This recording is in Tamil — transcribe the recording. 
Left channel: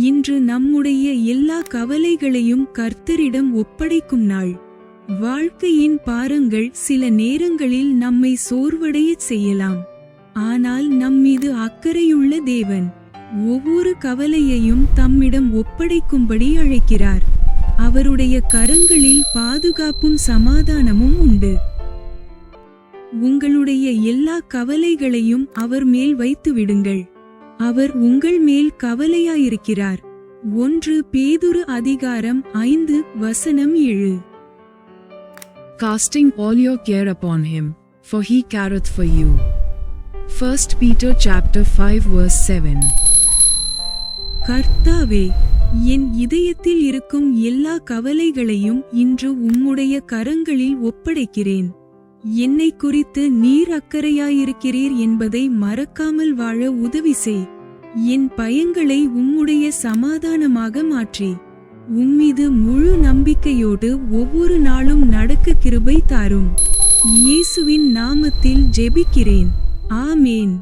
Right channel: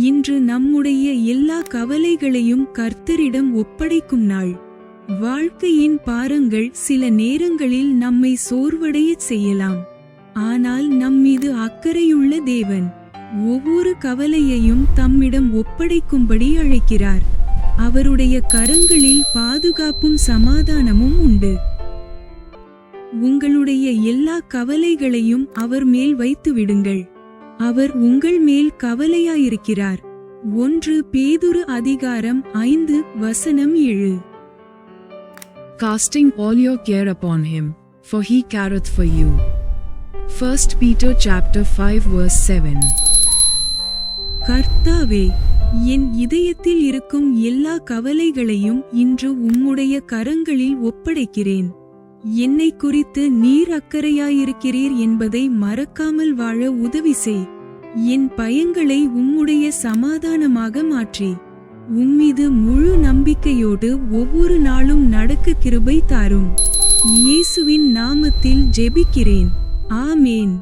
இன்று நம்முடைய எல்லா கவலைகளையும் கர்த்தரிடம் ஒப்படைக்கும் நாள். வாழ்க்கையின் பாரங்கள் சில நேரங்களில் நம்மை சோர்வடையச் செய்யலாம். ஆனால் நம்மீது அக்கறையுள்ள தேவன் ஒவ்வொரு கவலையையும் தம்மிடம் ஒப்படைக்கும்படி அழைக்கிறார். அவருடைய கரங்களில் பாதுகாப்பும் சமாதானமும் உண்டு. உங்களுடைய எல்லா கவலைகளையும் அவர் மேல் வைத்து விடுங்கள். அவர் உங்கள் மேல் கவலையாயிருக்கிறார். 1 பேதுரு அதிகாரம் 5:7. Casting all your care upon him, for he careth for you. 1 Peter chapter 5:7. கர்த்தாவே, என் இதயத்தில் இருக்கும் எல்லா கவலைகளையும் இன்று உம்முடைய கரங்களில் ஒப்படைக்கிறேன். என்னை குறித்து நீர் அக்கறையாயிருக்கிறீர் என்பதை மறக்காமல் வாழ உதவி செய். என் பயங்களை உம்முடைய சமாதானமாக மாற்றி உம்மீது முழு நம்பிக்கையோடு ஒவ்வொரு நாளும் நடக்க கிருபை தாரும். இயேசுவின் நாமத்தில் ஜெபிக்கிறேன். ஆமேன்.